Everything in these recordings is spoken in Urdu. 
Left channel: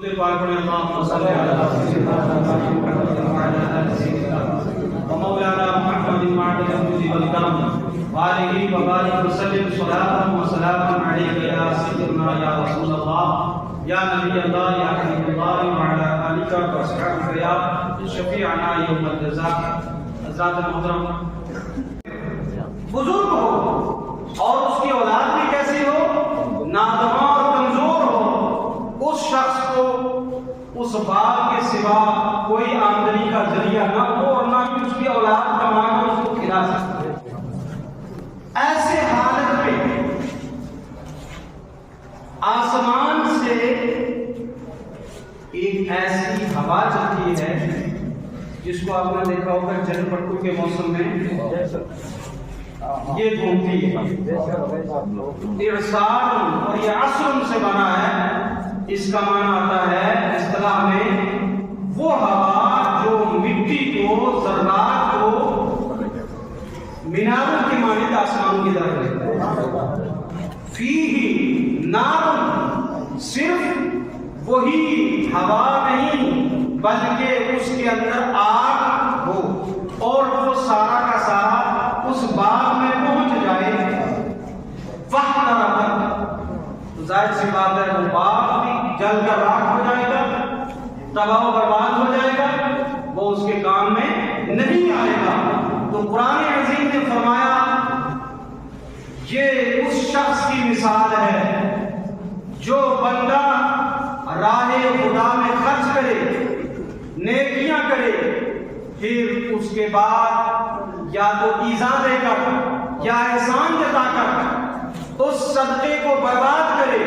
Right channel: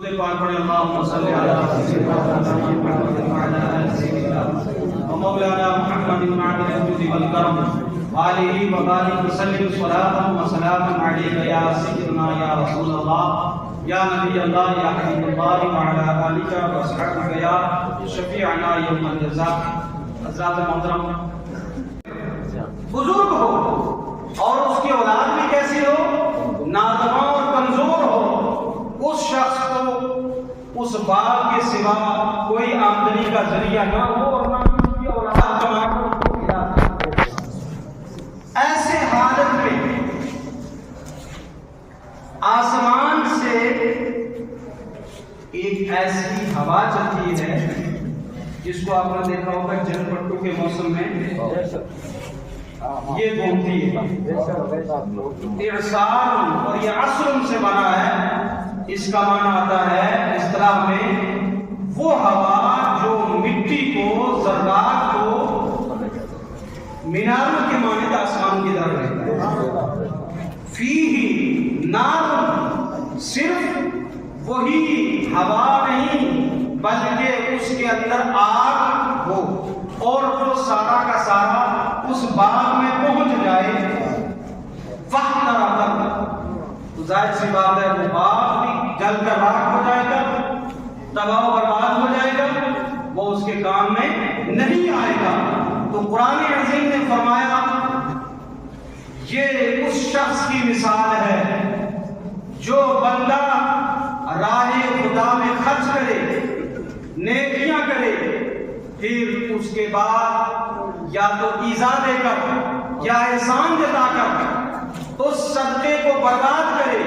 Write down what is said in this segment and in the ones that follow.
اللهم صل على سيدنا محمد وعلى آل سيدنا ومولانا محمد معدن الجود والكرم وآله وبارك وسلم صلاة وسلاما عليك يا سيدنا يا رسول الله يا نبي الله يا حبيب الله وعلى آلك وأصحابك يا شفيعنا يوم الجزاء. حضرات محترم، بزرگ ہو اور اس کی اولاد بھی کیسی ہو، نادواں اور کمزور ہو، اس شخص کو اس باغ کے سوا کوئی آمدنی کا ذریعہ نہ ہو اور نہ ہی اس کی اولاد کما کر اس کو کھلا سکتے. ایسے حالت میں آسمان سے ایک ایسی ہوا چلتی ہے جس کو آپ نے دیکھا ہوگا جل پٹو کے موسم میں یہ گھومتی ہے. اعصار اور یہ عصر سے بنا ہے. اس کا معنی آتا ہے اصطلاح میں وہ ہوا جو مٹی کو، ذرات کو میناروں کے مانند آسمانوں کی طرف ہے. فیہ نار، صرف وہی ہوا نہیں بلکہ اس کے اندر آگ ہو اور وہ سارا کا سارا اس باغ میں پہنچ جائے. تو ظاہر سی بات ہے وہ باغ بھی جل کر راکھ ہو جائے گا، تباہ و برباد ہو جائے گا، وہ اس کے کام میں نہیں آئے گا. تو قرآن عظیم نے فرمایا یہ اس شخص کی مثال ہے جو بندہ راہ خدا میں خرچ کرے، نیکیاں کرے، پھر اس کے بعد یا تو ایذا دے کر یا احسان جتا کر اس صدقے کو برباد کرے.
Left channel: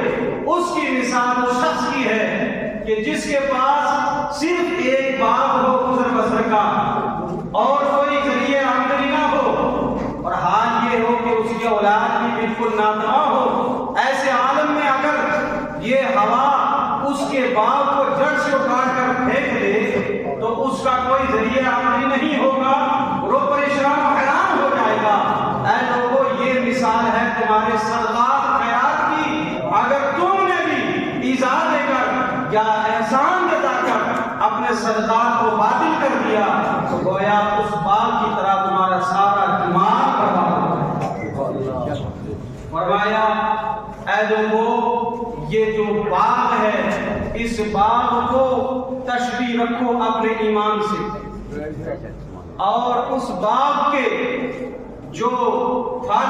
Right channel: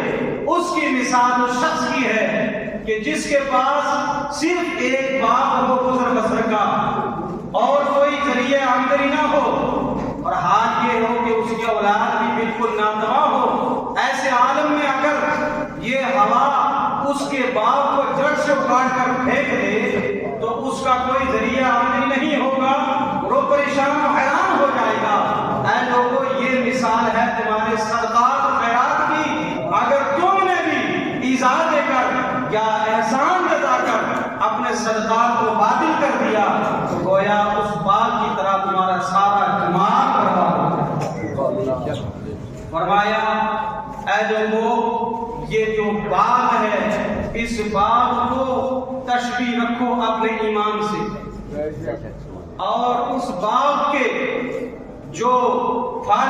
اس کی مثال اس شخص کی ہے کہ جس کے پاس صرف ایک باغ ہو گزر بسر کا اور کوئی ذریعہ آمدنی نہ ہو اور حال یہ ہو کہ اس کی اولاد بھی بالکل ناتواں ہو. ایسے عالم میں اگر یہ ہوا اس کے باغ کو جڑ سے اکھاڑ کر پھینک دے تو اس کا کوئی ذریعہ آمدنی نہیں ہوگا، وہ پریشان و حیران ہو جائے گا. اے لوگوں، یہ مثال ہے تمہارے صدقات و خیرات کی. اگر تم نے بھی ایذا دے کر یا احسان جتا کر اپنے صدقات کو باطل کر دیا تو گویا اس باغ کی طرح تمہارا سارا دماغ برباد ہو جائے. فرمایا اے لوگوں، یہ جو باغ ہے اس باغ کو تشبیہ رکھو اپنے ایمان سے، اور اس باغ کے جو پھل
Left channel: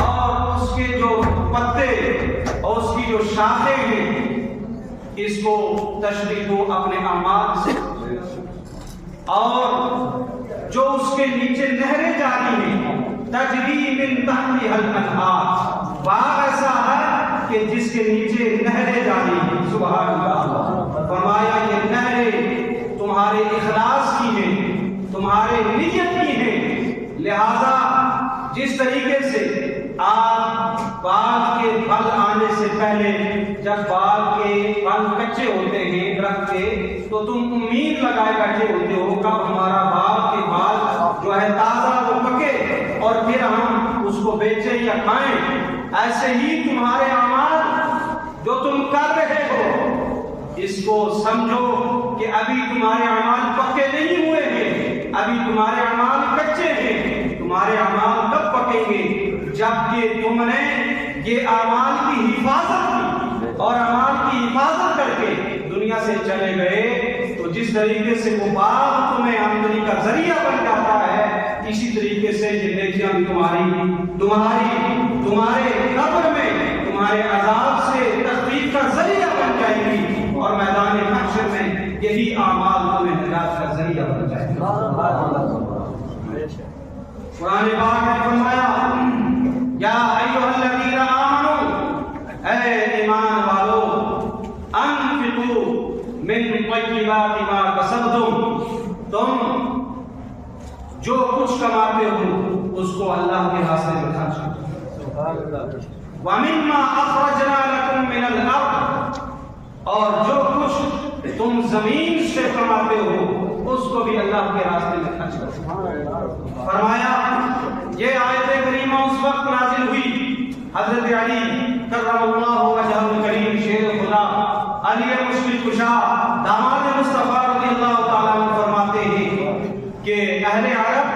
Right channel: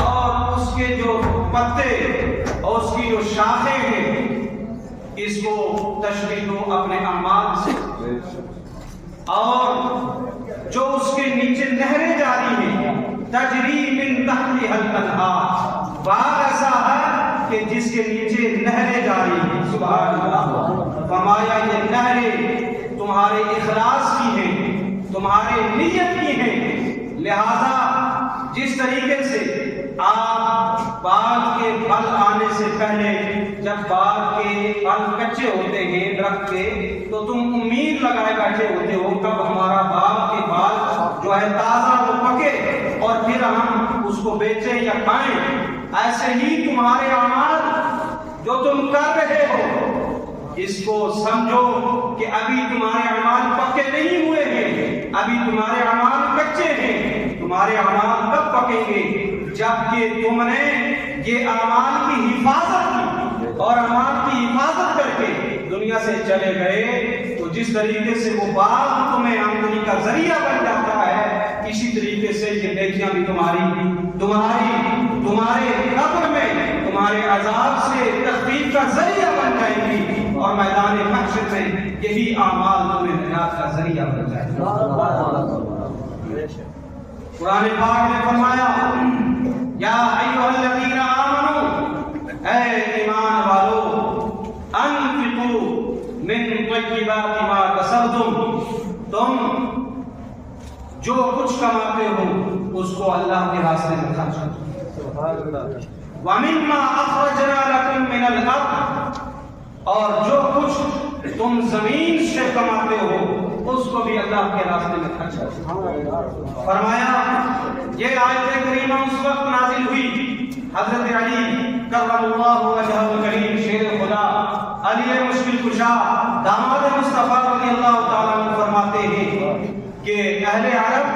اور اس کے جو پتے اور اس کی جو شاخیں ہیں اس کو تشبیہ دو اپنے اعمال سے. اور جو اس کے نیچے نہریں جاری ہیں تجری من تحتها الانہار، باغ ایسا ہے کہ جس کے نیچے نہریں جاری ہیں. سبحان اللہ. فرمایا یہ نہریں تمہارے اخلاص کی ہیں، تمہارے نیت کی ہیں. لہذا جس طریقے سے آپ باغ کے پھل آنے سے پہلے جب باغ کے پھل کچے ہوتے ہیں درخت کے تو تم امید لگائے بیٹھے ہوتے ہو کب ہمارا باغ کے پھل جو ہے تازہ وہ پکے اور پھر ہم اس کو بیچیں یا کھائیں. ایسے ہی تمہارے اعمال جو تم کر رہے ہو اس کو سمجھو کہ ابھی تمہارے اعمال پکے نہیں ہوئے ہیں، ابھی تمہارے اعمال کچے ہیں. تمہارے اعمال کب پکیں گے؟ جبکہ تم نے یہ اعمال کی حفاظت کی اور اعمال کی حفاظت کر کے دنیا سے چلے گئے. تو جس طریقے سے وہ باغ تمہیں آمدنی کا ذریعہ بن جاتا ہے اسی طریقے سے یہ نیکیاں بھی تمہارے قبر میں تمہارے عذاب سے تخفیف کا ذریعہ بن جائیں گی اور میدان محشر میں یہی اعمال تمہیں نجات کا ذریعہ بن جائیں گے. قرآن پاک نے فرمایا یا ایھا الذین آمنوا، اے ایمان والو، انفقوا من طیبات ما کسبتم، تم جو کچھ کماتے ہو اس کو اللہ کے راستے میں خرچ کرو. ومما اخرجنا لکم من الارض، اور جو کچھ تم زمین سے کماتے ہو اس کو بھی اللہ کے راستے میں خرچ کرو. فرمایا یہ آیت کریمہ اس وقت نازل ہوئی حضرت علی کرم اللہ وجہہ الکریم شیر خدا علی مشکل کشا داماد مصطفیٰ رضی اللہ تعالیٰ عنہ فرماتے ہیں کہ اہل عرب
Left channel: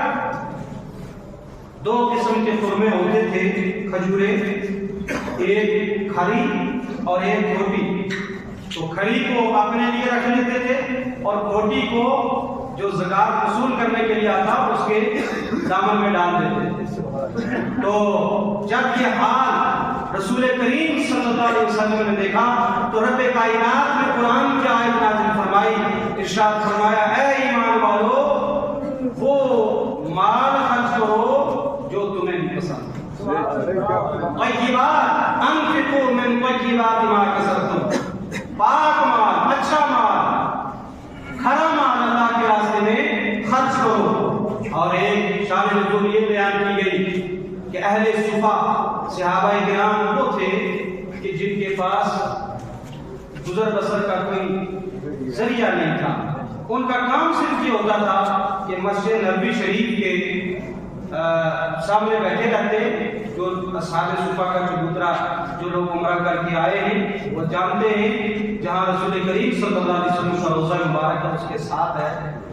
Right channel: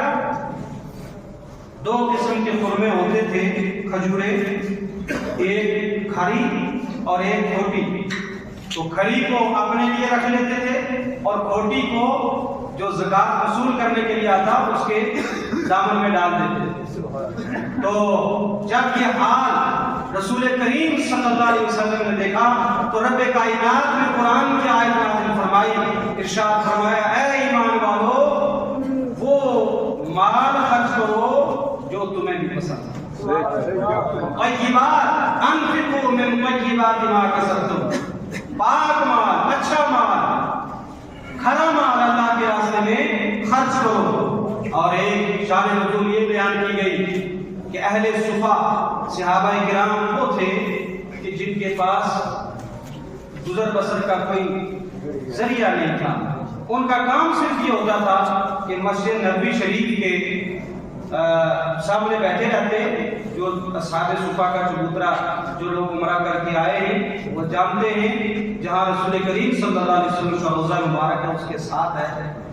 دو قسم کے خرمے ہوتے تھے کھجورے، ایک کھری اور ایک کھوٹی. تو کھری کو اپنے لیے رکھ لیتے تھے اور کھوٹی کو جو زکات وصول کرنے کے لیے آتا اس کے دامن میں ڈال دیتے تھے. تو جب یہ حال رسول کریم صلی اللہ علیہ وسلم نے دیکھا تو رب کائنات نے قرآن کی آیت نازل فرمائی، ارشاد فرمایا اے ایمان والو وہ مال خرچ کرو جو تمہیں بھی پسند طیبات انفقوا من طیبات ما کسبتم، پاک مال، اچھا مال، کھرا مال اللہ کے راستے میں خرچ کرو. اور ایک شان نزول یہ بیان کی گئی کہ اہل صفا صحابہ کرام وہ تھے کہ جن کے پاس گزر بسر کا کوئی ذریعہ نہیں تھا. ان کا کام صرف یہ ہوتا تھا کہ مسجد نبوی شریف کے سامنے بیٹھے رہتے. جو اصحاب صفا کا چبوترا جو لوگ عمرہ کر کے آئے ہیں وہ جانتے ہیں جہاں رسول کریم صلی اللہ علیہ وسلم کا روزہ مبارک ہے اس کے ساتھ ہے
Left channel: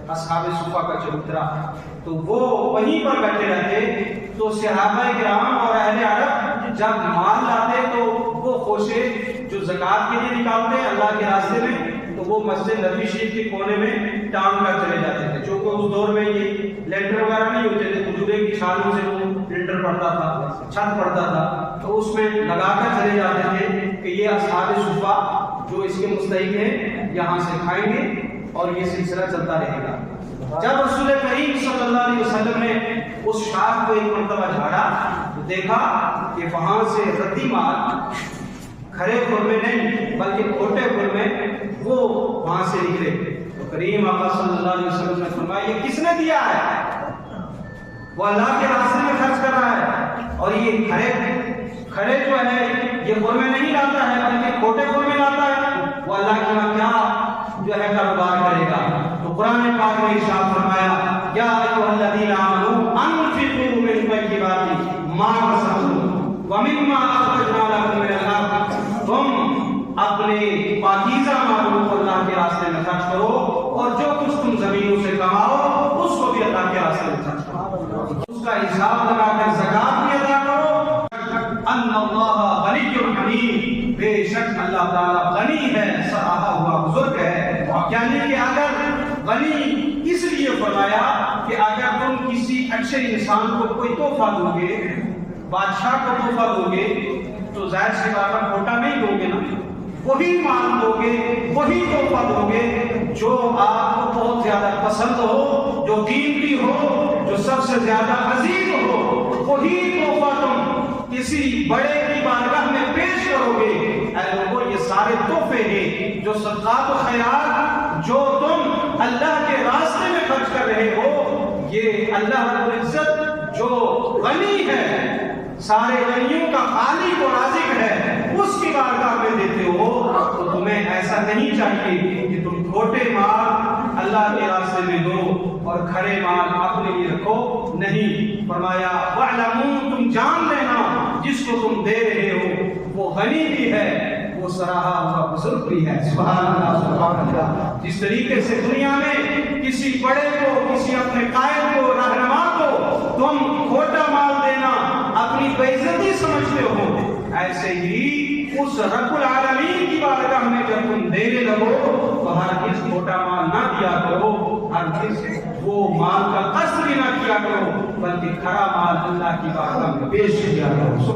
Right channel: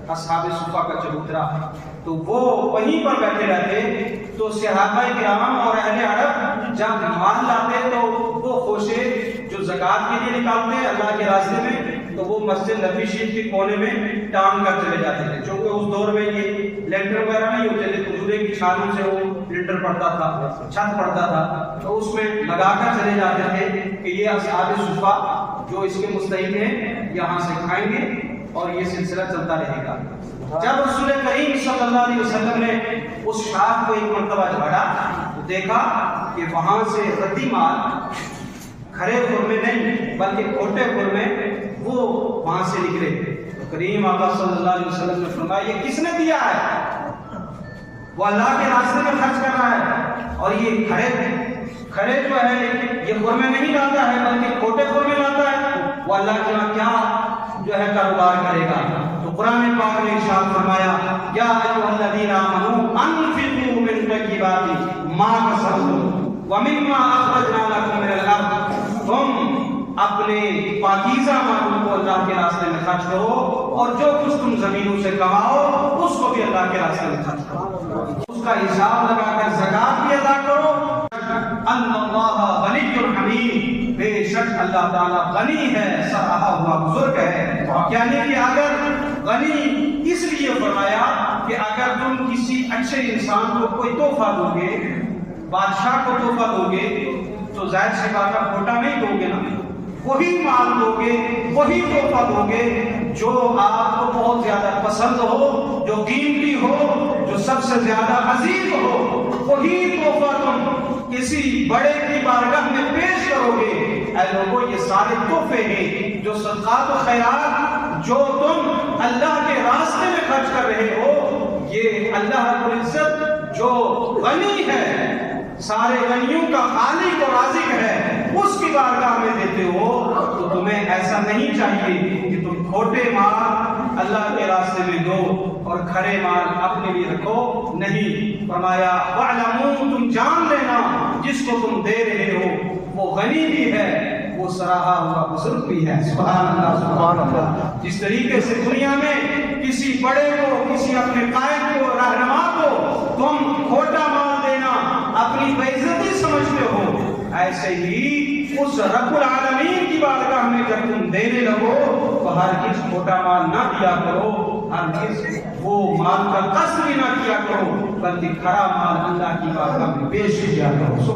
اصحاب صفا کا چبوترا. تو وہ وہیں پر بیٹھے رہتے. تو صحابہ کرام اور اہل عرب جب مال لاتے تو وہ خوشے جو زکات کے لیے نکالتے اللہ کے راستے میں تو وہ مسجد نبوی شریف کے کونے میں ٹانگ کر چلے جاتے تھے. چونکہ اس دور میں یہ لینٹر وغیرہ نہیں ہوتے تھے، کھجورے کی چھالوں سے وہ لینٹر پڑتا تھا، چھت پڑتا تھا، تو اس میں لگا کر چلے جاتے تھے کہ یہ اصحاب صفا جو اس کے مستحق ہیں یہاں سے کھائیں گے اور یہ سلسلہ چلتا رہے گا. جب رسول کریم صلی اللہ علیہ وسلم نے اس شاخ کو ایک مرتبہ جھاڑا تو دیکھا کہ وہاں سے ردی مال، کھرے خرمے نہیں بلکہ کھوٹے خرمے وہ وہاں سے نکلے. تو کریم آقا صلی اللہ علیہ وسلم نے فرمایا یہ کس نے دیا ہے؟ وہ اللہ کے راستے میں خرچ کر رہا ہے. اور یہ کھڑے جو ہے یہ خرمے نہیں لاتا ہے بلکہ کھوٹے خرمے لاتا ہے. وہ اللہ کے یہاں کیا جو ہے کاروبار کرے گا. تو قرآن پاک نے ارشاد فرمایا یا ایھا الذین آمنوا انفقوا من طیبات ما کسبتم ومما اخرجنا لکم من الارض. تم اپنے پاکیزہ مالوں کو اللہ کے راستے میں خرچ کرو اور جو کچھ تم زمینوں سے کماؤ اس کو بھی اللہ کے راستے میں خرچ کرو، اس کا حساب لگا کر زکات بھی ادا کرو. ان اللہ غنی حمید، بے شک اللہ تعالیٰ غنی ہے، سراہا ہوا بزرگ ہے. یعنی کہ اگر غنی اس لیے فرمایا کہ اگر تم کسی اچھے انسان کو کوئی تحفہ دو گے، بادشاہ کو تحفہ دو گے تو ظاہر سی بات ہے کھوٹا نہیں دو گے نا، وہی مال دو گے، وہی تحفہ دو گے جو آپ کو بہت زیادہ پسند ہو، جو قیمتی ہو، جو سب سے زیادہ عزیز ہو. وہی تحفہ تم کسی بڑے کی بارگاہ میں پیش کرو گے. اے لوگوں یہ سارے تحفے ہیں جو صدقات و خیرات جو تم اللہ کے راستے میں خرچ کر رہے ہو، یہ اللہ رب العزت جو غنی ہے، سارے غنیوں کا خالق و رازق ہے، اس کی بارگاہ میں دیتے ہو. تو تمہیں ایسا نہیں چاہیے کہ تم کھوٹے مال اللہ کے راستے میں دو اور کھرے مال اپنے لیے رکھو. نہیں، فرمایا وَاعْلَمُوا، تم جان لینا جس کو تم دے رہے ہو وہ غنی بھی ہے، وہ سراہا ہوا بزرگ بھی ہے. سبحان اللہ سبحان اللہ. جس طریقے سے دنیا میں کسی بڑے کو، کسی اپنے قائد کو، رہنما کو تم کھوٹا مال دینا اپنی بے عزتی سمجھتے ہو، ایسے ہی اس رب العالمین کی بارگاہ میں جب تم دینے لگو تو ہرگز کھوٹا مال نہ دیا کرو، ہرگز وہ مال کا قصد بھی نہ کیا کرو، بلکہ کھرا مال اللہ کی بارگاہ میں پیش کیا کرو.